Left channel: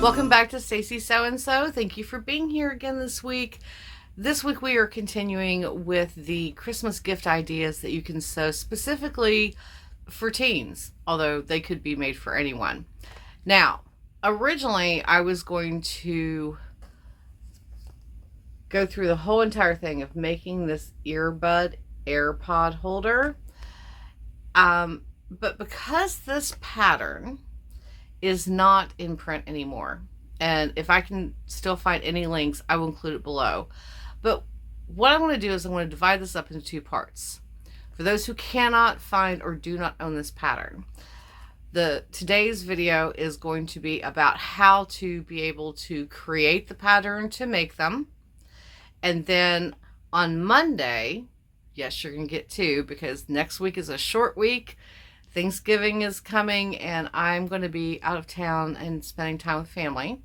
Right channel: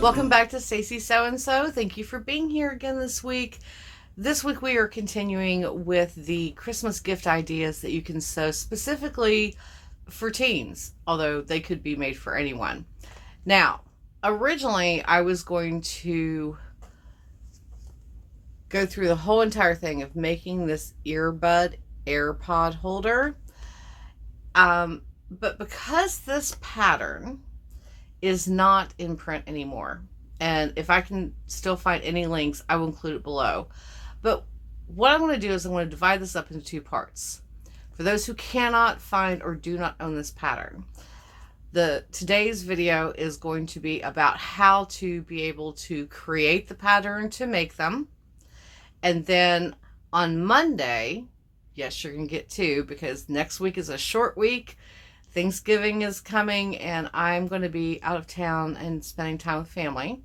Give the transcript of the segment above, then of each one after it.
Welcome back to Stacy Sew and Sew. Thank you for being here again this week. This week we are continuing with the Christmas gift ideas that you can sew specifically for teens, although they could be made for anyone. Now, originally I was going to go through the whole entire thing of making this earbud AirPod holder. But because this pattern is not in print anymore, and if I can still find any links, I will include it below. But what I'm going to do is I'm going to divide this up into two parts. For those who cannot find or do not own this pattern, today's video is going to be about how to be able to create the pattern to make them. And then on Monday, yes, you're going to get two because next week is a short week. Thanksgiving is coming and I'm going to be out of town and spending time with family.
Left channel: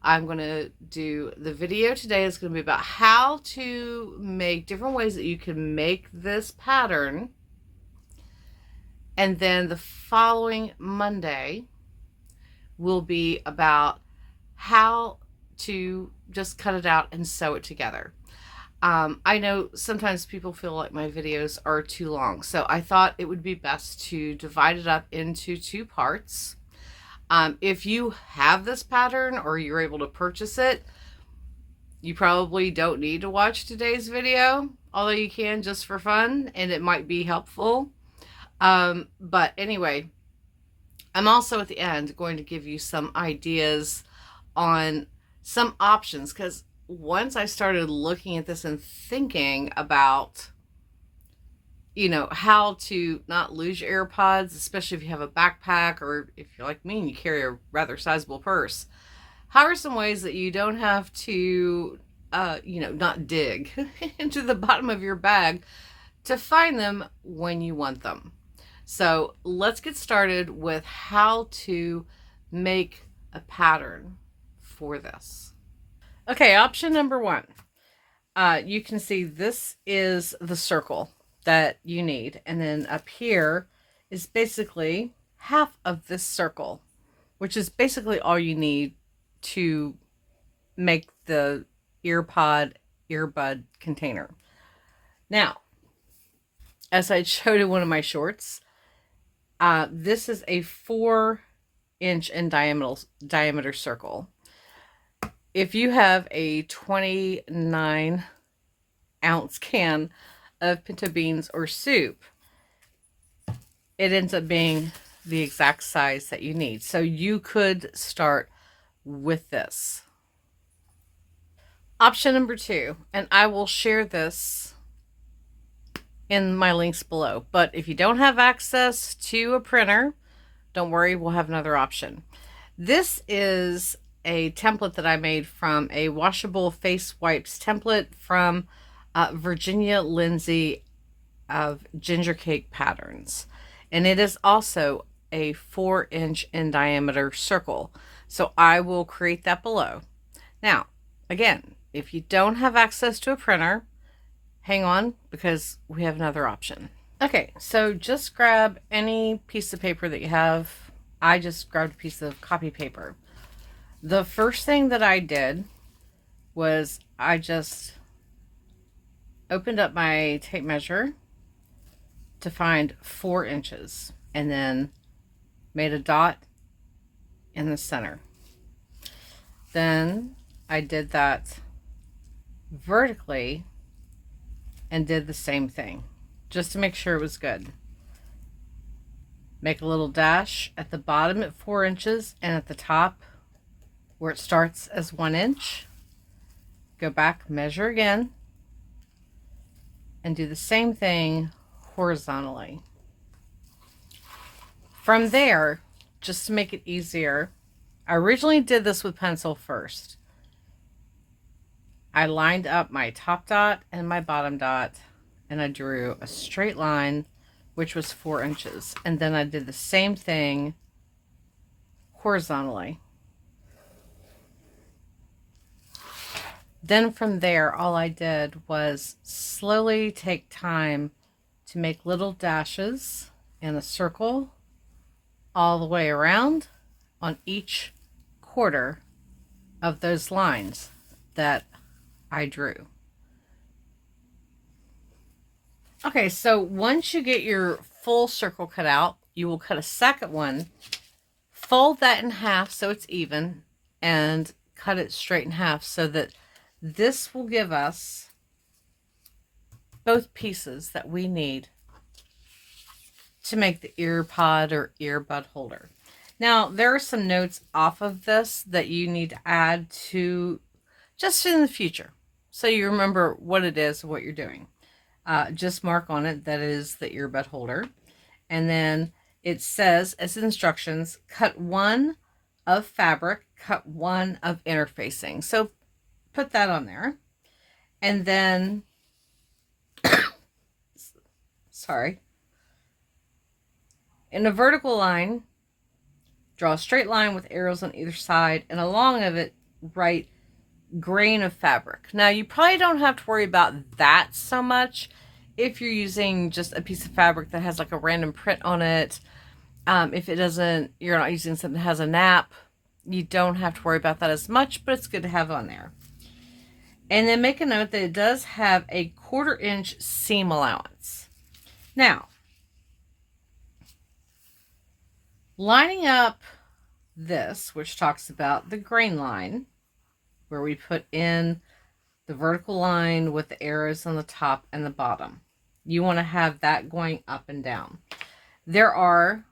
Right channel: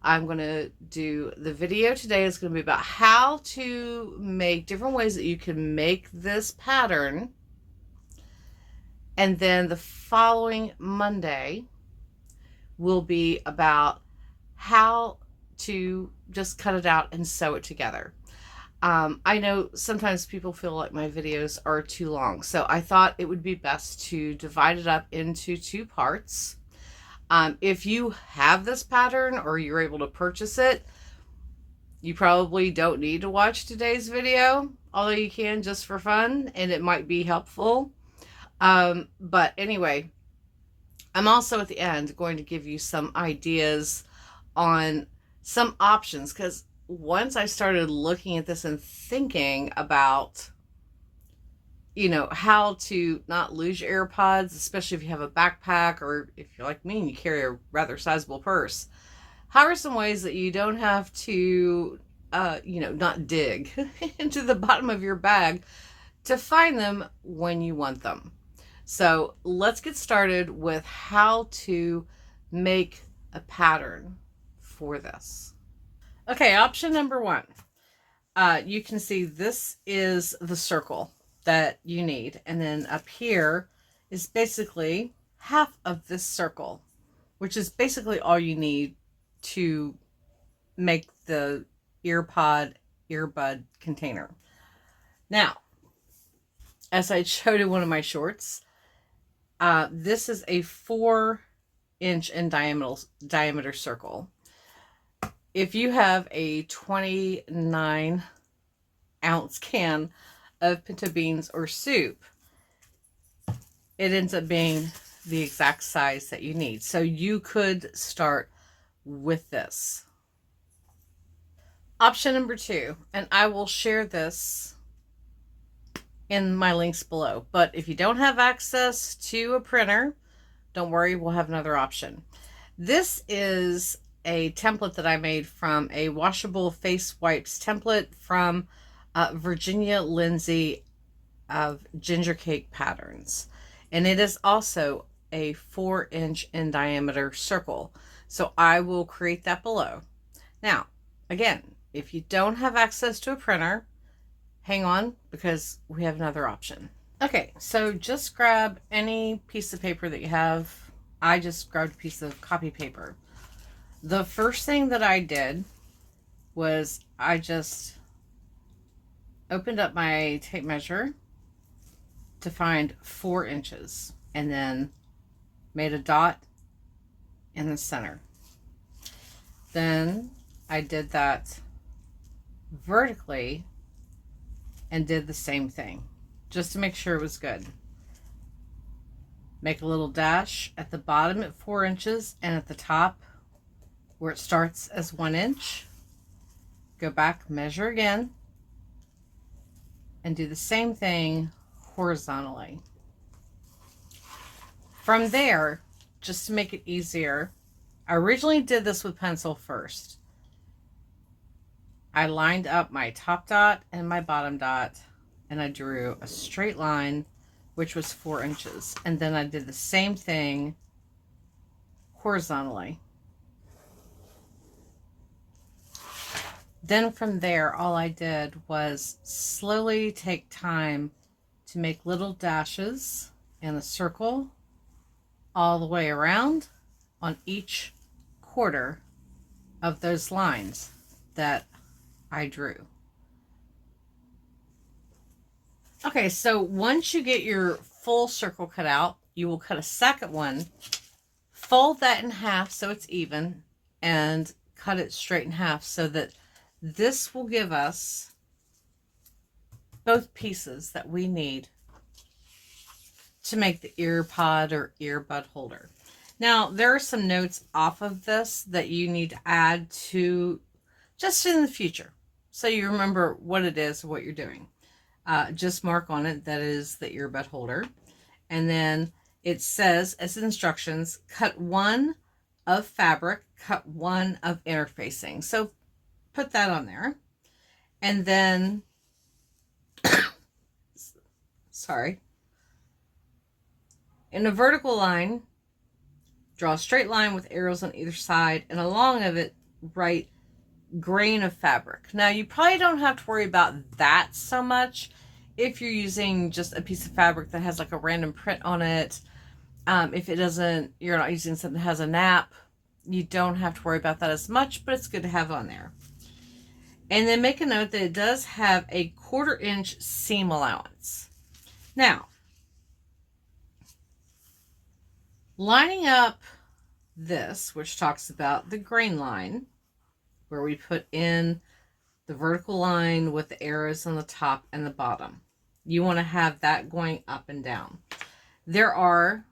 I'm going to do the video today is going to be about how to make different ways that you can make this pattern. And then the following Monday will be about how to just cut it out and sew it together. I know sometimes people feel like my videos are too long, so I thought it would be best to divide it up into two parts. If you have this pattern or you're able to purchase it, you probably don't need to watch today's video, although you can just for fun, and it might be helpful. But anyway, I'm also at the end going to give you some ideas on some options, because once I started looking at this and thinking about, how to not lose your AirPods, especially if you have a backpack or if you're like me and you carry a rather sizable purse, how are some ways that you don't have to, not dig into the bottom of your bag to find them when you want them? So let's get started with how to make a pattern for this. Okay, option number one. You can see this is the circle that you need. And then up here is basically half of this circle, which is basically all you need to make the earbud container. Now, as I showed in one of my shorts, this is a 4-inch in diameter circle. If you have a 29-ounce can of pinto beans or soup, it ends up being the exact size that you need. So you could start with this. Option number two, and I will share this in my links below, but if you don't have access to a printer, don't worry, we'll have another option. This is a template that I made from a washable face wipes template from Virginia Lindsay of Ginger Cake Patterns. And it is also a 4-inch in diameter circle. So I will create that below. Now, again, if you don't have access to a printer, hang on because we have another option. Okay, so just grab any piece of paper that you have. I just grabbed a piece of copy paper. The first thing that I did was I just opened up my tape measure to find 4 inches and then made a dot in the center. Then I did that vertically and did the same thing just to make sure it was good. Make a little dash at the bottom at 4 inches and at the top where it starts as 1 inch. Go back, measure again, and do the same thing horizontally. From there, just to make it easier, I originally did this with pencil first. I lined up my top dot and my bottom dot, and I drew a straight line, which was 4 inches. And then I did the same thing horizontally. Then from there, all I did was slowly take time to make little dashes in a circle all the way around on each quarter of those lines that I drew. Okay, so once you get your full circle cut out, you will cut a second one, fold that in half so it's even, and cut it straight in half so that this will give us both pieces that we need to make the ear pod or earbud holder. Now, there are some notes off of this that you need to add to just in the future, so you remember what it is, what you're doing. Just mark on it that is the earbud holder. And then it says, as instructions, cut one of fabric, cut one of interfacing. So put that on there. And then, sorry, in a vertical line, draw a straight line with arrows on either side, and along of it, write grain of fabric. Now, you probably don't have to worry about that so much if you're using just a piece of fabric that has like a random print on it. If it doesn't, you're not using something that has a nap, you don't have to worry about that as much, but it's good to have on there. And then make a note that it does have a 1/4 inch seam allowance. Now, lining up this, which talks about the grain line, where we put in the vertical line with the arrows on the top and the bottom. You want to have that going up and down. There are,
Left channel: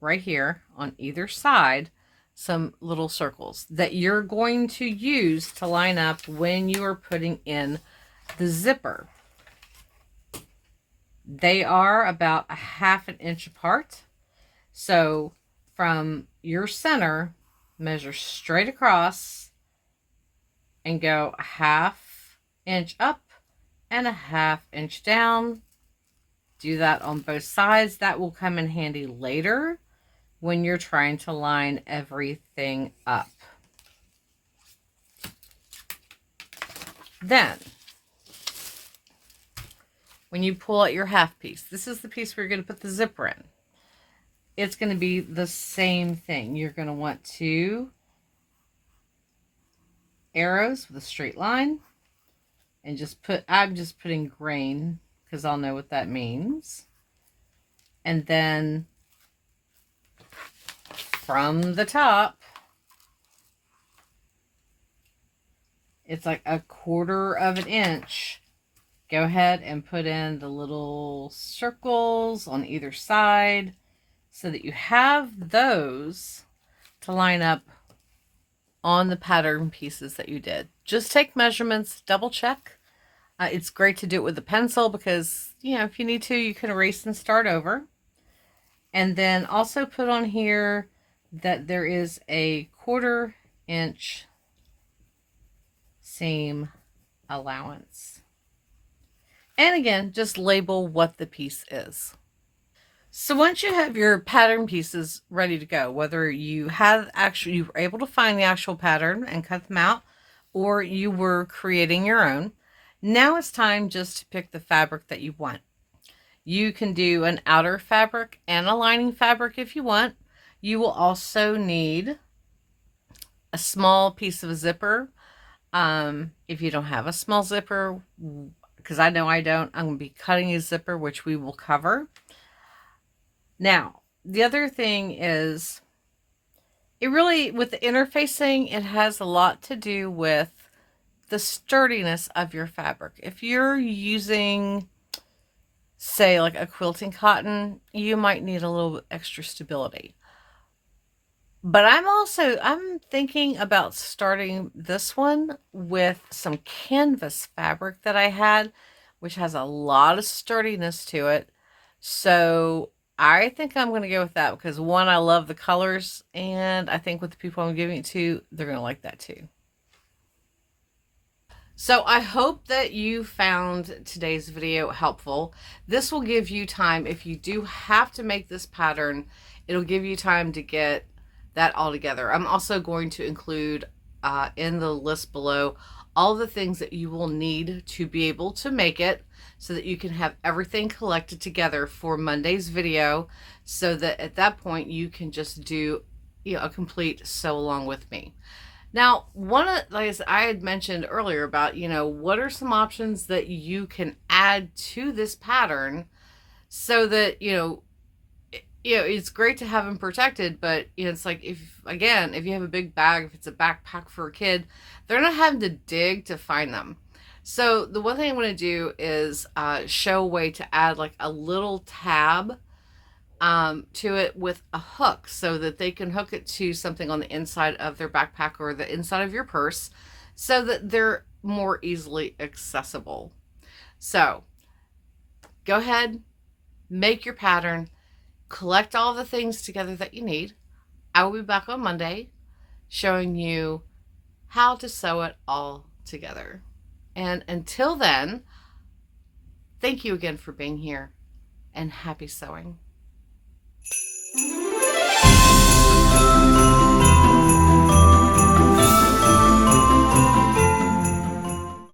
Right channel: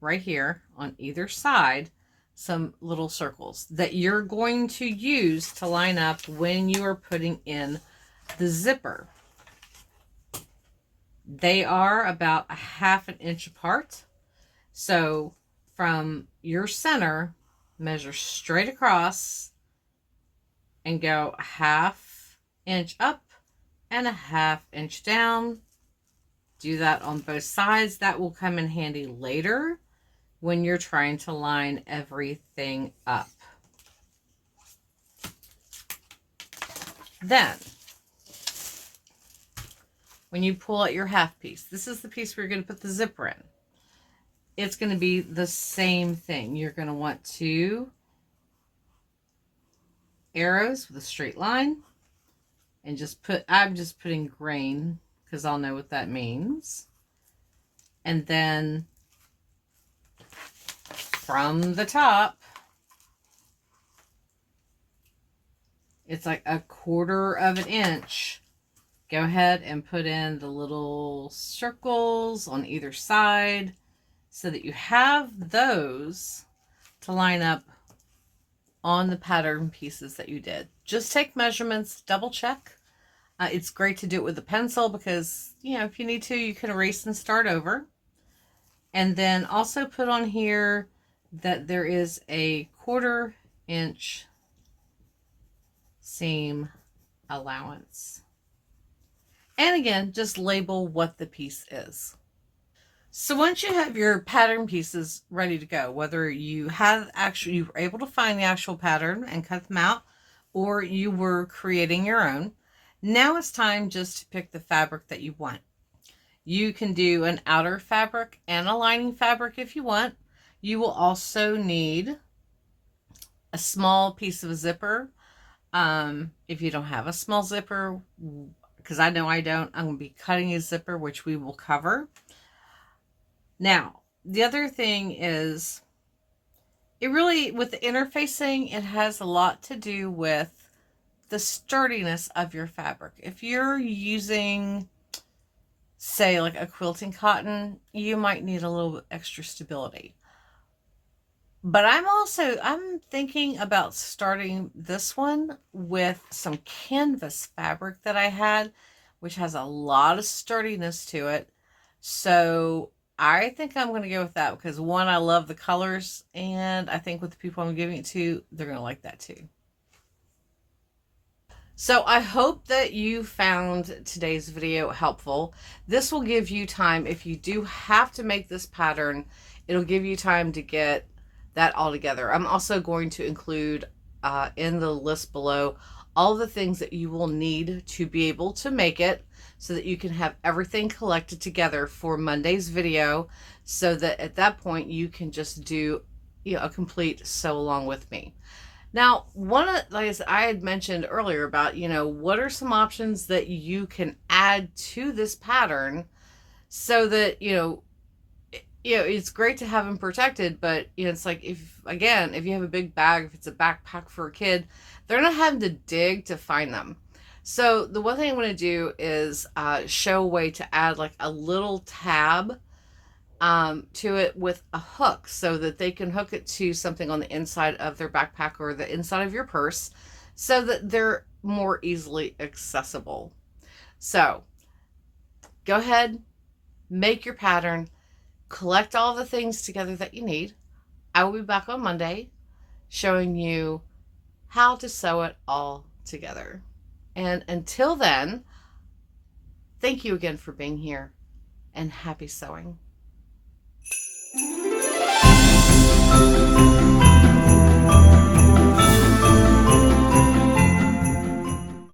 right here on either side, some little circles that you're going to use to line up when you are putting in the zipper. They are about 1/2 inch apart. So from your center, measure straight across and go 1/2 inch up and 1/2 inch down. Do that on both sides. That will come in handy later when you're trying to line everything up. Then, when you pull out your half piece, this is the piece where you're going to put the zipper in. It's going to be the same thing. You're going to want 2 arrows with a straight line, and I'm just putting grain because I'll know what that means. And then from the top, it's like 1/4 inch. Go ahead and put in the little circles on either side so that you have those to line up on the pattern pieces that you did. Just take measurements, double check. It's great to do it with a pencil because, you know, if you need to, you can erase and start over. And then also put on here that there is a 1/4 inch seam allowance. And again, just label what the piece is. So once you have your pattern pieces ready to go, whether you were able to find the actual pattern and cut them out, or you were creating your own, now it's time just to pick the fabric that you want. You can do an outer fabric and a lining fabric if you want. You will also need a small piece of a zipper. If you don't have a small zipper, because I know I don't, I'm going to be cutting a zipper, which we will cover. Now, the other thing is, with the interfacing, it has a lot to do with the sturdiness of your fabric. If you're using, say, like a quilting cotton, you might need a little bit extra stability. But I'm thinking about starting this one with some canvas fabric that I had, which has a lot of sturdiness to it. So I think I'm going to go with that because, one, I love the colors, and I think with the people I'm giving it to, they're going to like that too. So I hope that you found today's video helpful. This will give you time, if you do have to make this pattern, it'll give you time to get that all together. I'm also going to include in the list below all the things that you will need to be able to make it, so that you can have everything collected together for Monday's video, so that at that point you can just do, you know, a complete sew along with me. Now, like I said, I had mentioned earlier about, what are some options that you can add to this pattern so that, it's great to have them protected, but it's like, if you have a big bag, if it's a backpack for a kid, they're not having to dig to find them. So the one thing I'm going to do is show a way to add like a little tab to it with a hook so that they can hook it to something on the inside of their backpack or the inside of your purse so that they're more easily accessible. So go ahead, make your pattern, collect all the things together that you need. I will be back on Monday showing you how to sew it all together. And until then, thank you again for being here and happy sewing.